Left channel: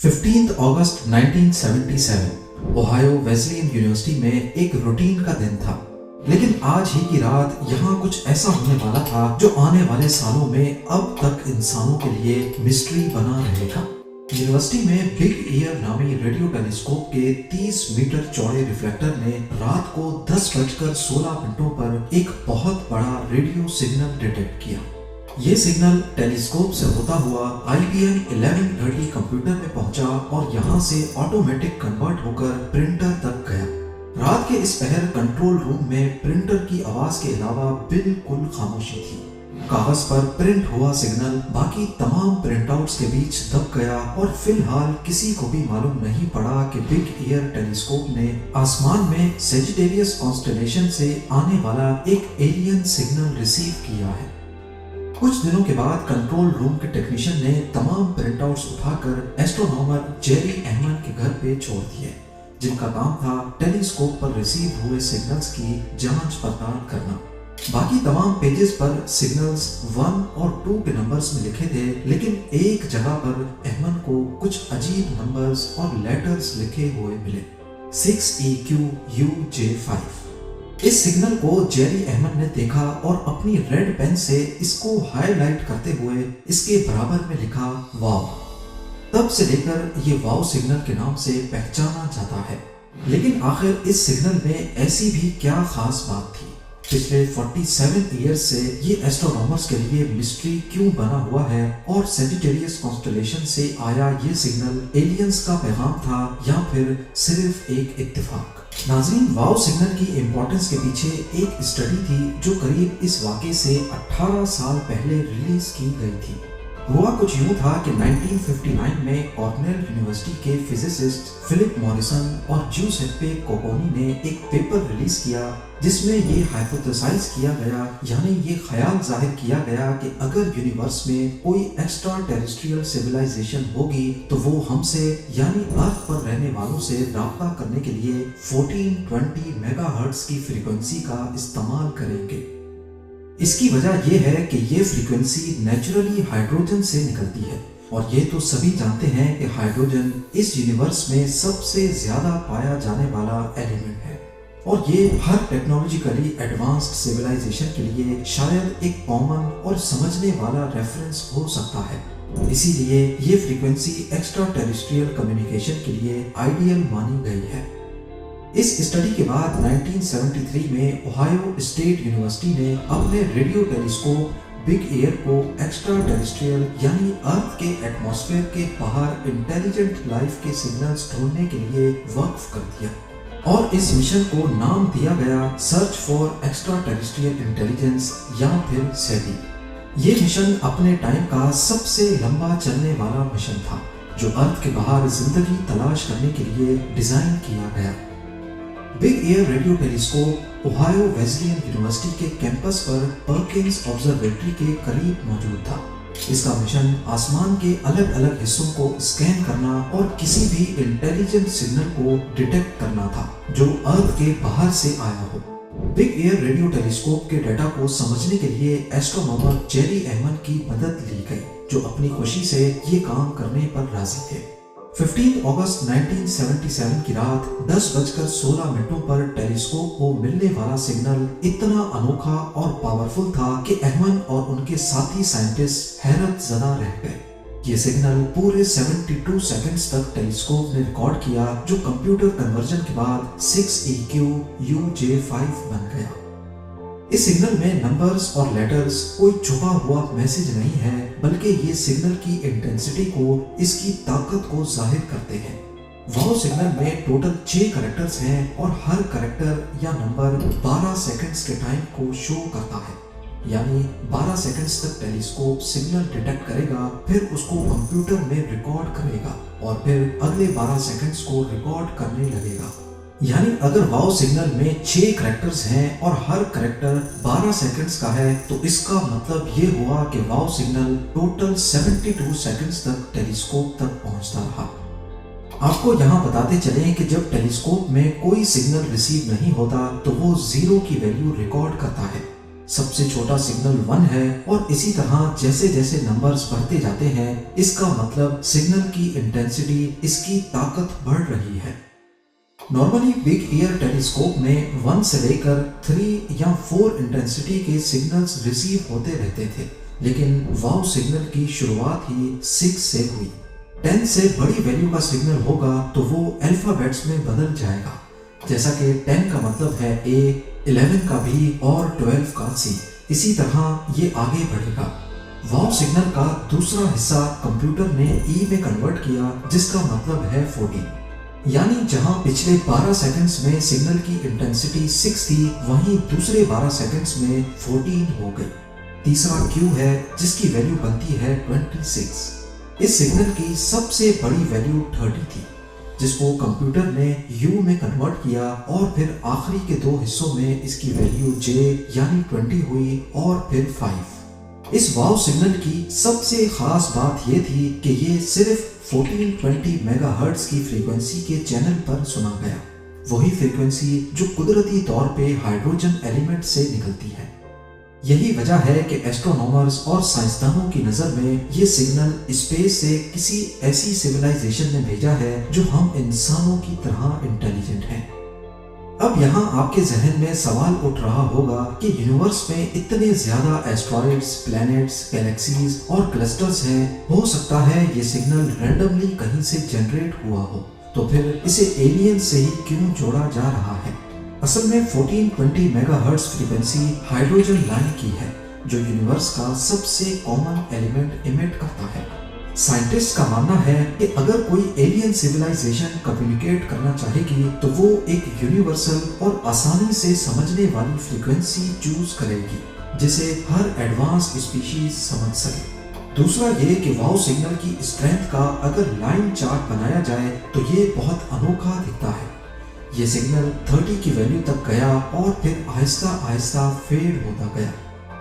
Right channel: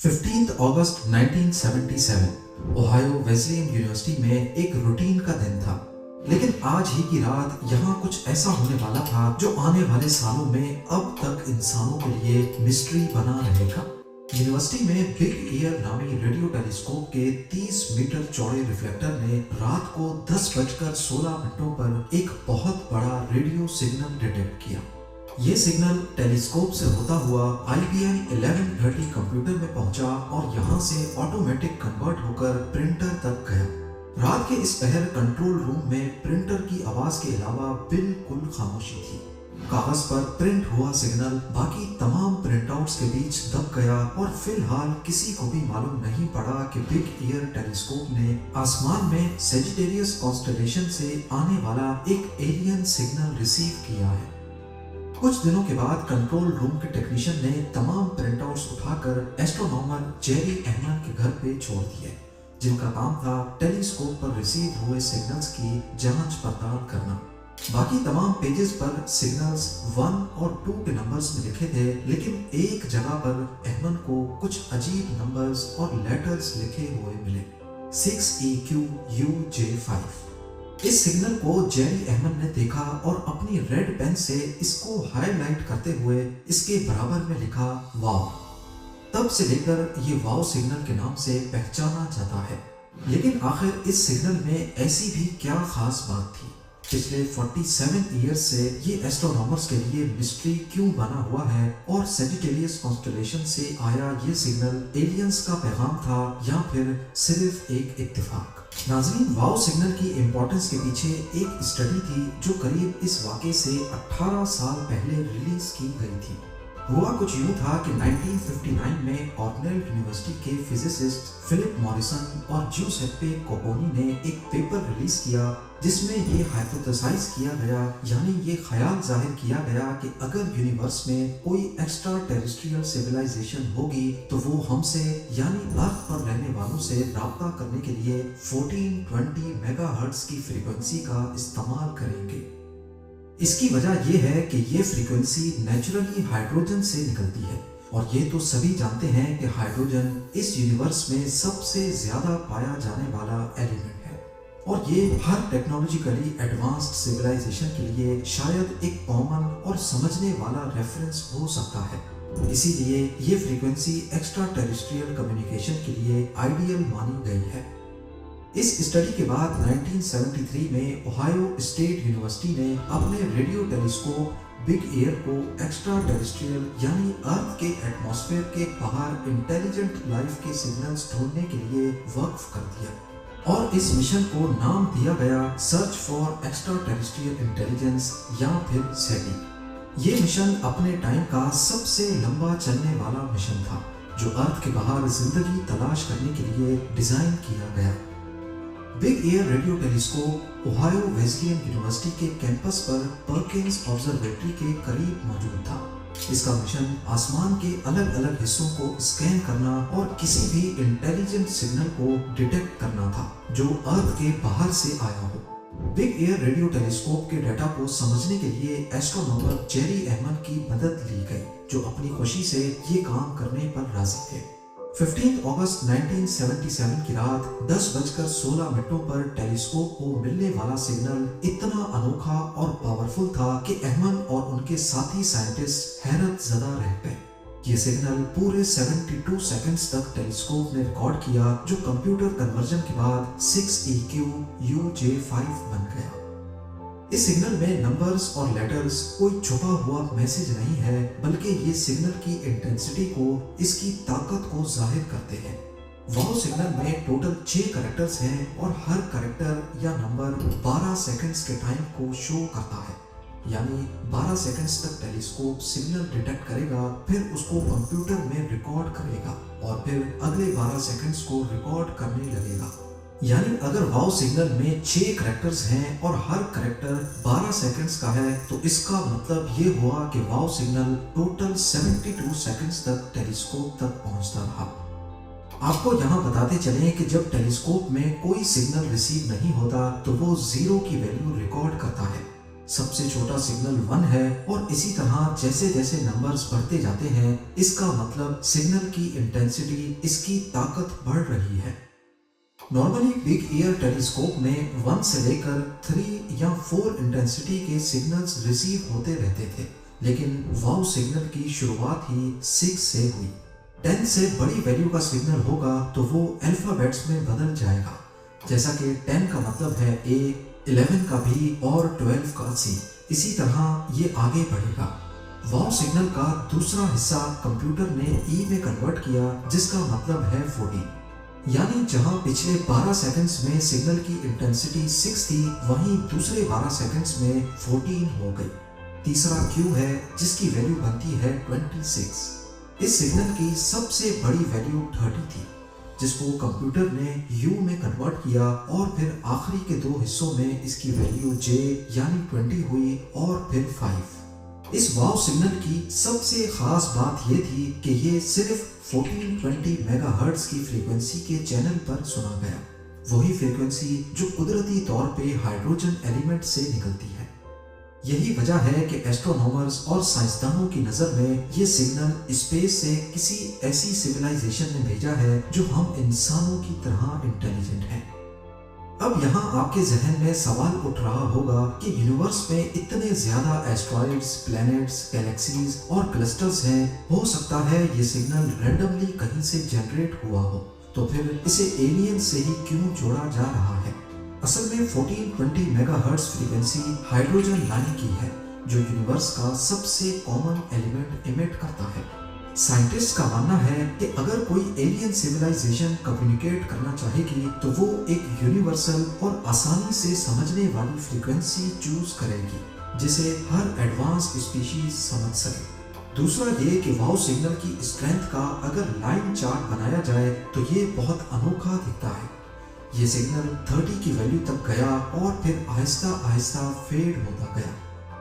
15 अगस्त 1977 Ohio Wesleyan university में एक routine का दिन था। लेकिन आज ही की रात यहाँ कुछ ऐसा होने वाला था जो आने वाले सालों में अब तक इंसानों के लिए मिस्ट्री बना रहेगा। यूनिवर्सिटी में बिग ईयर नामी रेडियो टेलीस्कोप के 30 मीटर चौड़े रिफ्लेक्टर ने रात को 10:16 पर एक बहुत बड़ा रेडियो सिग्नल डिटेक्ट किया। ये सिग्नल टेलीस्कोप से होता हुआ IBM 1130 कंप्यूटर में पहुंचा और यहाँ से ऑटोमेटिक कन्वर्ट होकर प्रिंटर तक गया। रात के इस पहर कंट्रोल रूम में प्रिंटर की आवाज के अलावा बिल्कुल खामोशी थी। कागज पर प्रिंट हुआ सिग्नल बाकी तमाम प्रिंटआउट्स के बीच दब गया और फिलहाल किसी को भी मालूम नहीं पड़ा कि बिग ईयर टेलीस्कोप ने आसमान में सेजिटेरियस कॉन्स्टेलेशन से आने वाला एक एलियन सिग्नल रिसीव किया है। कुछ दिनों के बाद कंट्रोल रूम के टेक्नीशियन ने तमाम प्रिंटआउट्स उठाकर एस्ट्रोनॉमर जेरी एहमन के घर पे छोड़ दिए, जिनका काम था टेलीस्कोप पर रिसीव हुए सिग्नल्स की जांच पड़ताल करना। बाकी तमाम पेजेस पर सिग्नल्स 1 और 2 के नंबर्स में लिखे थे, लेकिन एक जगह पर अहमद को कुछ अजीब नंबर्स और लेटर्स लिखे हुए मिले। 6EQUJ5। इस सिग्नल को जेरी अहमद ने देखा और अपनी रेड पेन से इसको हाईलाइट करते हुए इसके बराबर में लिखा वाव। तब से लेकर ये वाव सिग्नल के नाम से पहचाना जाता है। लेकिन आखिर इस सिग्नल में ऐसी भी क्या खास बात थी? पिछले 47 ईयर्स से ये एस्ट्रोनॉमर्स के लिए मिस्ट्री क्यों बना हुआ है और सेजिटेरियस कॉन्स्टेलेशन से आया ये सिग्नल एलियंस का पैगाम था या फिर सिर्फ एक इत्तेफाक? नाज़रीन, वाव सिग्नल की इम्पोर्टेंस के पीछे एक स्टडी थी जो करीब इस वाक़े से 18 साल पहले रिलीज की गई थी। हुआ कुछ यूं था कि 1959 में कॉर्नेल यूनिवर्सिटी के फिजिसिस्ट फिलिप मॉरिसन और ज्यूसेप्पे कोकोनी ने एक पेपर रिलीज किया जिसमें ये हाइपोथेसाइज किया गया, यानी ये ख्याल जाहिर किया गया कि अगर यूनिवर्स में कोई एक्स्ट्रा टेरेस्ट्रियल सिविलाइजेशन होगी तो वो हमसे यानी अर्थ पर रहने वालों से राब्ता करने के लिए 1420 मेगाहर्ट्ज की फ्रीक्वेंसी का इस्तेमाल करेंगे। इसकी वजह यह है कि ये फ्रीक्वेंसी नेचुरली हाइड्रोजन से निकलती है और ये तो सभी जानते हैं कि हाइड्रोजन इस यूनिवर्स में सबसे ज्यादा पाया जाने वाला एलिमेंट है और ये हर टेक्नोलॉजिकली एडवांस्ड सिविलाइजेशन के लिए शायद एक कॉमन और समझने वाला रेफरेंस हो सकता है। इसीलिए ये फ्रीक्वेंसी एक्स्ट्रा टेरेस्ट्रियल कम्युनिकेशन के लिए आइडियल मानी गई है। इस स्टडी के बाद 1973 में ओहायो स्टेट यूनिवर्सिटी ने अपने रेडियो टेलीस्कोप बिग ईयर को एक्स्ट्रा टेरेस्ट्रियल यानी अर्थ के एटमॉस्फेयर के बाहर इंटेलिजेंट लाइफ के सिग्नल्स ढूंढने के लिए वक्फ कर दिया और इस मिशन को नाम दिया गया search for extra terrestrial intelligence या फिर सेटी। ये मिशन अपने टाइम का सबसे लंबा चलने वाला मिशन था जो अर्थ के बाहर जिंदगी तलाश करने के लिए डिजाइन किया गया। Big year radio telescope Ohio Wesleyan university के कैंपस पर पर्किंस ऑब्जर्वेटरी के करीब मौजूद था। इसका मिशन आसमान के अलग अलग हिस्सों को स्कैन करना और किसी भी इंटेलिजेंट सिग्नल को डिटेक्ट करना था जो अर्थ के बाहर से आया हो। बिग ईयर रेडियो टेलीस्कोप के डाटा को समझने के लिए एस्ट्रोनॉमर जेरी एहमन की मदद ली गई जो अपनी खुशी से ये काम करने पर राजी थे। 15 अगस्त 1977 की रात 10:16 पर टेलीस्कोप को मिलने वाला सिग्नल इतना अनोखा और पावरफुल था कि अहमद और उनके साथी साइंटिस्ट हैरत ज़दा रह गए। ये सिग्नल पूरे 72 सेकंड्स तक टेलीस्कोप ने रिकॉर्ड किया जो कंप्यूटर कन्वर्जन के बाद 6EQUJ5 बन गया। इस सिग्नल में नंबर्स और लेटर्स कोई छुपा हुआ मैसेज नहीं है, बल्कि ये सिग्नल की इंटेंसिटी को, इसकी ताकत को जाहिर करते हैं। वाव सिग्नल में टोटल 6 कैरेक्टर्स हैं और हर कैरेक्टर या नंबर 12 सेकंड्स के टाइम को शो करता है, यानी 12 सेकंड्स तक टेलीस्कोप सिग्नल डिटेक्ट करेगा, फिर उसको कंप्यूटर में रिकॉर्ड करेगा और फिर अगले 12 सेकंड्स को रिकॉर्ड करने लगेगा। यानी अगर वाव सिग्नल में 6 कैरेक्टर्स हैं और हर कैरेक्टर 12 सेकंड्स का है तो इसका मतलब ये हुआ कि वाव सिग्नल टोटल 72 सेकंड्स तक टेलीस्कोप तक पहुंचता रहा। आपको यहाँ बताते चलें कि जब टेलीस्कोप में कोई सिग्नल रिसीव नहीं होता तो वो 0 की वैल्यू रिकॉर्ड करता है। सबसे छोटा सिग्नल 1 है और इसी तरह जैसे जैसे नंबर्स बढ़ते जाते हैं, इसका मतलब सिग्नल की इंटेंसिटी, इसकी ताकत बढ़ रही है। नॉर्मली बिग ईयर टेलीस्कोप में 1 से लेकर 3 या 4 इंटेंसिटी के सिग्नल्स रिसीव होते रहते थे, लेकिन वाव सिग्नल की शुरुआत ही 6 से हुई। 10 से बड़ी वैल्यू का सिग्नल होगा तो वो अल्फाबेट्स में बदल जाएगा, जैसा कि 10 का मतलब है A, 11 का B और 12 का C। इसी तरह ये आगे बढ़ेगा। वाव सिग्नल का दूसरा हिस्सा कंप्यूटर ने E में कन्वर्ट किया, जिसका मतलब है 14। यानी जहां पिछले 12 सेकंड्स में सिग्नल की इंटेंसिटी 6 थी, वहीं दूसरे 12 सेकंड्स में 14 हो गई। तीसरा Q है, जिसकी वैल्यू बनती है 26। इस सिग्नल की सबसे बड़ी वैल्यू 30 थी, जिसको कंप्यूटर ने U में कन्वर्ट किया और फिर आखिरी के दो हिस्सों में इसकी वैल्यू J यानी 20 हुई और फिर 5। इस वाव सिग्नल की सबसे खास बात यह थी कि ये सिर्फ 1420 मेगाहर्ट्ज की फ्रीक्वेंसी के चैनल पर सुना गया, वही फ्रीक्वेंसी जो कुदरती तौर पे हाइड्रोजन एलिमेंट से निकलती है। यही वजह है कि एस्ट्रोनॉमर्स और साइंसदानों की नज़र में ये सिग्नल स्पेस से किसी ऐसी सिविलाइजेशन ने भेजा है जो हम इंसानों की तरह इंटेलिजेंट हैं। अब यहाँ आपके जहन में सवाल उठ रहा होगा कि यूनिवर्स में इतने ज्यादा एस्ट्रॉइड्स, प्लैनेट्स, गैलेक्सीज और क्लस्टर्स हैं, हो सकता है ये सिग्नल रैंडमली कहीं से जनरेट हुआ हो, तो फिर इसे एलियन से ही क्यों जोड़ा जा रहा है? असल में 1420 मेगाहर्ट्ज फ्रीक्वेंसी हाइड्रोजन लाइन की है, जो यूनिवर्स का सबसे कॉमन एलिमेंट इमिट करता है। साइंटिस्ट का मानना है कि अगर कोई एलियन सिविलाइजेशन कम्युनिकेट करना चाहेगी तो वो एक यूनिवर्सल और आसानी से समझने वाली फ्रीक्वेंसी चूज करेगी, जिसे हर एडवांस स्पीशीज समझ सके। दूसरा ये कि वाव सिग्नल की स्ट्रेंथ का अगर लाइन चार्ट बनाया जाए तो ये बहुत अनोखा दिखता है। ये सिग्नल 30 की वैल्यू तक गया और फिर आहिस्ता आहिस्ता फेड होता गया,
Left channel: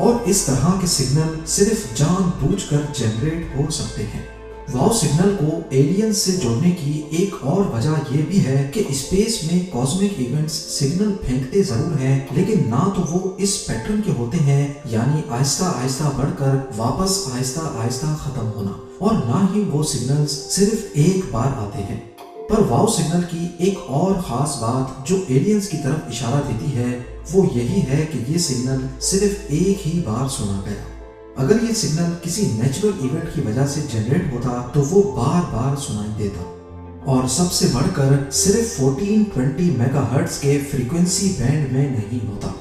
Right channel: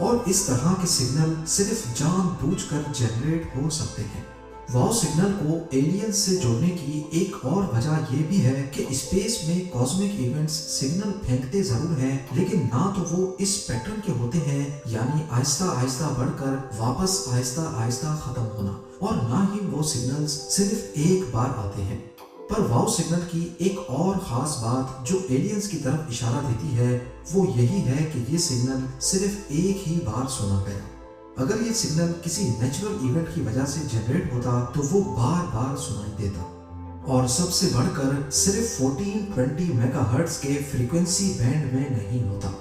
और इस तरह के सिग्नल सिर्फ जानबूझकर जनरेट हो सकते हैं। वाव सिग्नल को एलियंस से जोड़ने की एक और वजह यह भी है कि स्पेस में कॉस्मिक इवेंट्स सिग्नल फेंकते जरूर हैं, लेकिन ना तो वो इस पैटर्न के होते हैं, यानी आहिस्ता आहिस्ता बढ़कर वापस आहिस्ता आहिस्ता खत्म होना, और ना ही वो सिग्नल्स सिर्फ एक बार आते हैं। पर वाव सिग्नल की एक और खास बात जो एलियंस की तरफ इशारा देती है, वो यही है कि ये सिग्नल सिर्फ एक ही बार सुना गया। अगर ये सिग्नल किसी नेचुरल इवेंट की वजह से जनरेट होता तो वो बार बार सुनाई देता, और सबसे बढ़कर सिर्फ 1420 मेगाहर्ट्ज के फ्रीक्वेंसी बैंड में नहीं होता।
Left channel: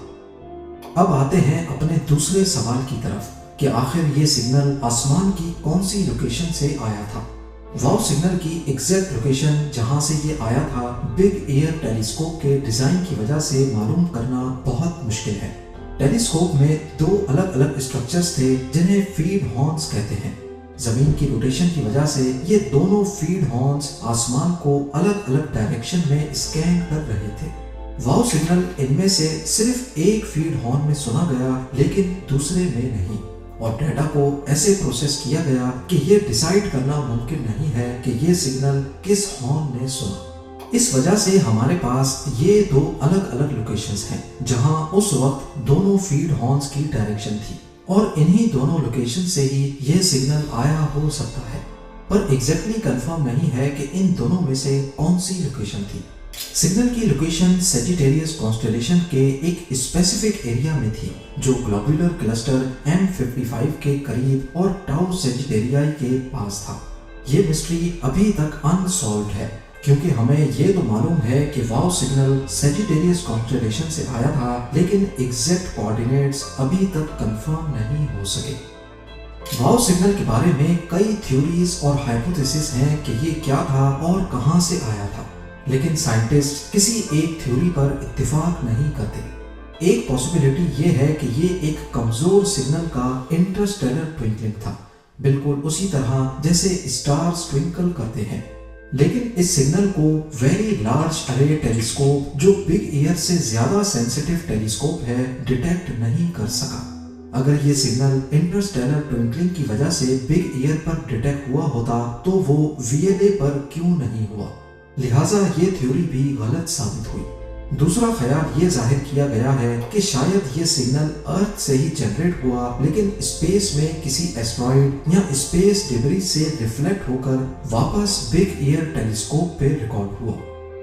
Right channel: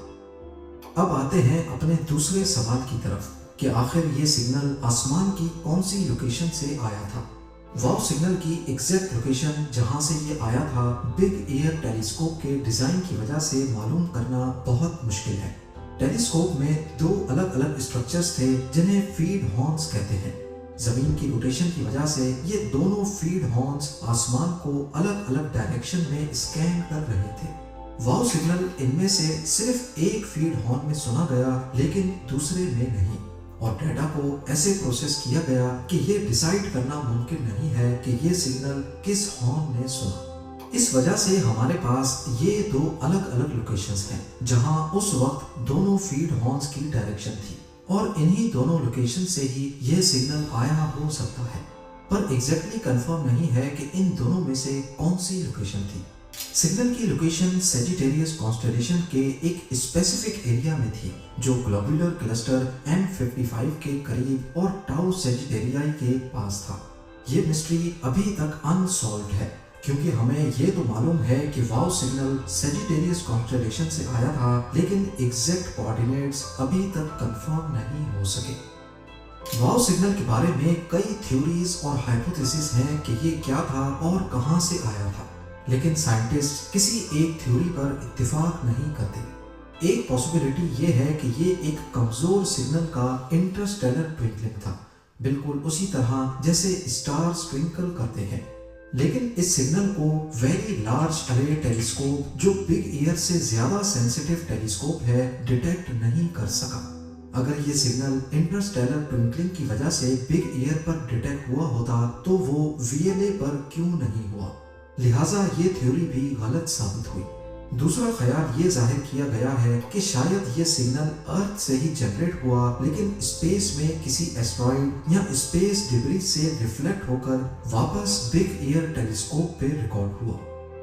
अब आते हैं अपने दूसरे सवाल की तरफ कि आखिर ये सिग्नल आसमान की कौन सी लोकेशन से आया था। वाव सिग्नल की एग्जैक्ट लोकेशन जहां से ये आया था, बिग एयर टेलीस्कोप के डिजाइन की वजह से मालूम करना बहुत मुश्किल है। टेलीस्कोप में दो अलग अलग स्ट्रक्चर्स थे जिन्हें फीड हॉर्न्स कहते हैं। जमीन की रोटेशन की वजह से ये दोनों फीड हॉर्न्स आसमान को अलग अलग डायरेक्शन में स्कैन कर रहे थे। वाव सिग्नल इनमें से सिर्फ एक फीड हॉर्न में सुना गया, लेकिन दूसरे में नहीं, और डेटा को ऐसे प्रोसेस किया गया कि ये डिसाइड करना मुमकिन नहीं है कि ये सिग्नल किस हॉर्न ने सुना। इस वजह से हमारे पास ये दो अलग अलग लोकेशंस हैं जहां उस वक्त दोनों फीड हॉर्न्स की डायरेक्शन थी, और इन्हीं दोनों लोकेशन से ही यह सिग्नल आया हो सकता है, पर एग्जैक्टली कंफर्म नहीं है कि इन दोनों में से कौन सी लोकेशन थी। सिग्नल की लोकेशन सेजिटेरियस कॉन्स्टेलेशन के एक स्पेसिफिक एरिया में थी, जो ग्लोबुलर क्लस्टर M55 के करीब और टाउ सेजिटेरियाई के पास था। ये मिस्ट्री अभी तक अनसॉल्व्ड है, क्योंकि हमें ये तो मालूम है कि वाव सिग्नल सेजिटेरियस कॉन्स्टेलेशन से आया था, लेकिन एग्जैक्ट कोऑर्डिनेट्स अभी तक कंफर्म नहीं हो सके। वाव सिग्नल के बारे में कई थ्योरीज और हाइपोथेसिस हैं कि ये क्या था और कहां से आया था, लेकिन साइंटिस्ट किसी एक थ्योरी पर इत्तेफाक नहीं करते। एक पॉसिबिलिटी ये है कि ये एक कमजोर सिग्नल का इंटरस्टेलर ट्विंकलिंग था, बिल्कुल उसी तरह जैसे स्टार्स ट्विंकल करते हैं। लेकिन इस सिग्नल को वेरी लार्ज अरे टेलीस्कोप, जो बिग ईयर से ज्यादा सेंसिटिव टेलीस्कोप है, डिटेक्ट नहीं कर सका। अगर ये सिग्नल इंटरस्टेलर ट्विंकलिंग की वजह से बिग ईयर पर डिटेक्ट हुआ होता तो वो VLA पर क्यों नहीं हुआ, लिहाजा ये थ्योरी भी गलत साबित हुई। दूसरा ख्याल ये जाहिर किया गया है कि शायद ये सिग्नल अर्थ से ही जनरेट हुआ, लेकिन स्पेस में किसी एस्ट्रॉइड या स्पेस डिब्री से रिफ्लेक्ट होकर वापस बिग ईयर टेलीस्कोप पे रिकॉर्ड हुआ।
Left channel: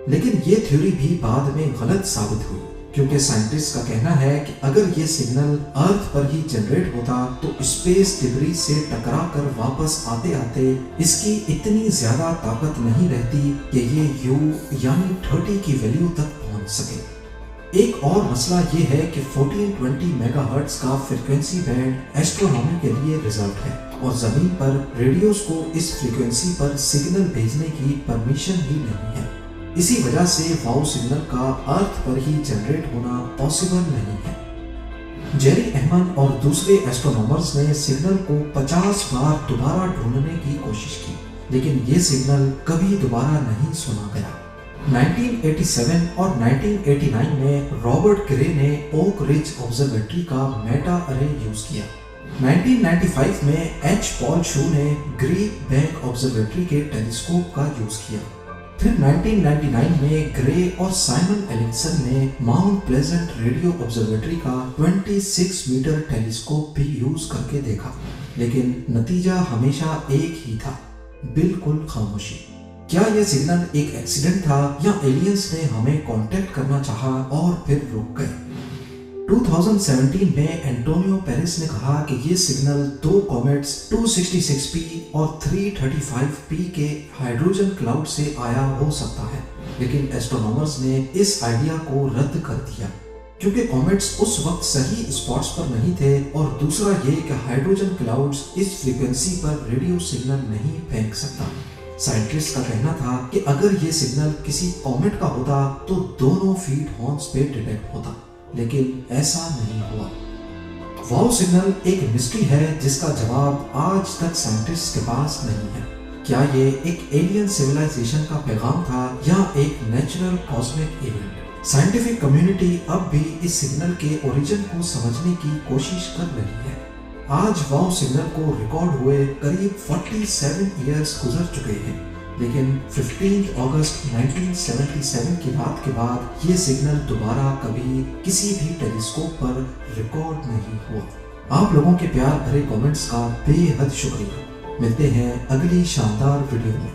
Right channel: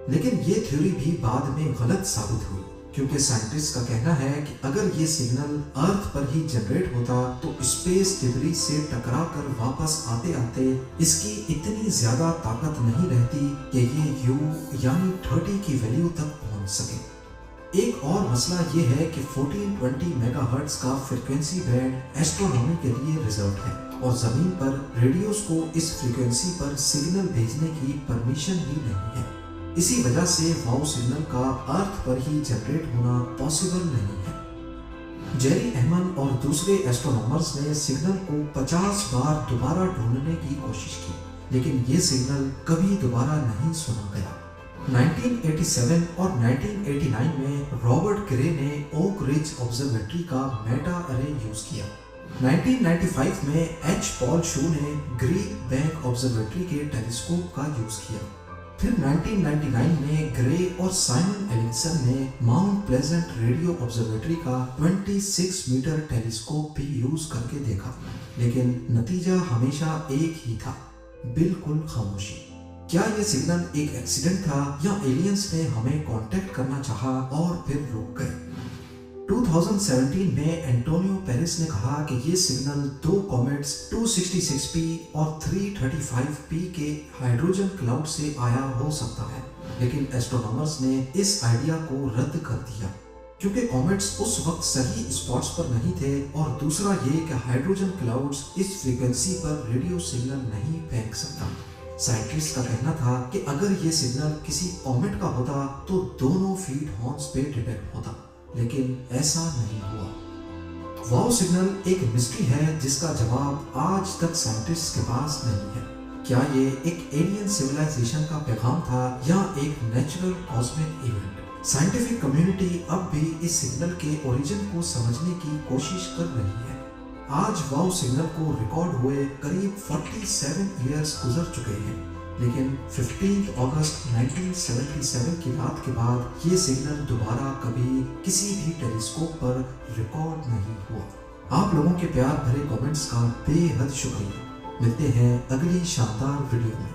लेकिन ये थ्योरी भी बाद में गलत साबित हुई, क्योंकि साइंटिस्ट का कहना है कि अगर ये सिग्नल अर्थ पर ही जनरेट होता तो स्पेस डिब्री से टकरा कर वापस आते आते इसकी इतनी ज्यादा ताकत नहीं रहती कि ये U यानी 30 की वैल्यू तक पहुंच सके। एक और मसला ये है कि 1420 मेगाहर्ट्ज का फ्रीक्वेंसी बैंड एस्ट्रोनॉमी के लिए रिजर्व है और जमीन पर रेडियोस को इस फ्रीक्वेंसी पर सिग्नल भेजने की परमिशन ही नहीं है। इसी वजह से वाव सिग्नल का अर्थ पर ही जनरेट होना पॉसिबल नहीं है। जेरी अहमन और दूसरे एस्ट्रोनॉमर्स ने सिग्नल को 50 बार दोबारा ढूंढने की कोशिश की, लेकिन ये सिग्नल कभी दोबारा नहीं सुना गया। 1987 और 1989 में रॉबर्ट ग्रे ने ओक रिज ऑब्जर्वेटरी का मेटा अरे यूज किया। 1995 में एच पॉल शू ने ग्रीक बैंक ऑब्जर्वेटरी के टेलीस्कोप का यूज किया। फिर 1999 में ग्रे और साइमन एलिक्सन ने माउंट प्लेजेंट रेडियो ऑब्जर्वेटरी का 26 मीटर टेलीस्कोप भी यूज करके देखा, लेकिन नतीजा हमेशा एक ही था, बिल्कुल खामोशी। क्या यह सिग्नल एक एक्सीडेंट था या एलियंस ने हमें कांटेक्ट करना चाहा और फिर रुक गए? 2017 में एंटोनियो पेरिस ने कहा कि ये सिग्नल दो कॉमेट्स 266P और 335P के हाइड्रोजन क्लाउड से आया हो सकता है, लेकिन एस्ट्रोनॉमर्स ने इस आइडिया को रद्द कर दिया क्योंकि कॉमेट्स उस वक्त सही स्पॉट्स पर नहीं थे, और दूसरा ये कि हाइड्रोजन क्लाउड्स इस फ्रीक्वेंसी पर रेडियो सिग्नल नहीं फेंक सकता। साइंटिस्ट का कहना था कि अगर ये सिग्नल किसी कॉमेट का होता तो दोनों फीड हॉर्न्स पे डिटेक्ट होता, लेकिन ऐसा नहीं हुआ। वाव सिग्नल एक मिस्ट्री है जिसका जवाब आज तक साइंटिस्ट के पास नहीं है। क्या ये एक एलियन सिविलाइजेशन का पैगाम था या एक natural cosmic event? Scientific community अब भी इस सिग्नल के ओरिजिन को समझने की कोशिश कर रही है। आज वाव सिग्नल को रिकॉर्ड हुए करीब 47 इयर्स गुजर चुके हैं, लेकिन 15 अगस्त 1977 की रात के बाद ये सिग्नल दोबारा कभी किसी भी टेलीस्कोप पर रिकॉर्ड नहीं हुआ। आप लोगों के प्यार भरे कमेंट्स का बेहद शुक्रिया। मिलते हैं अगली शानदार वीडियो में।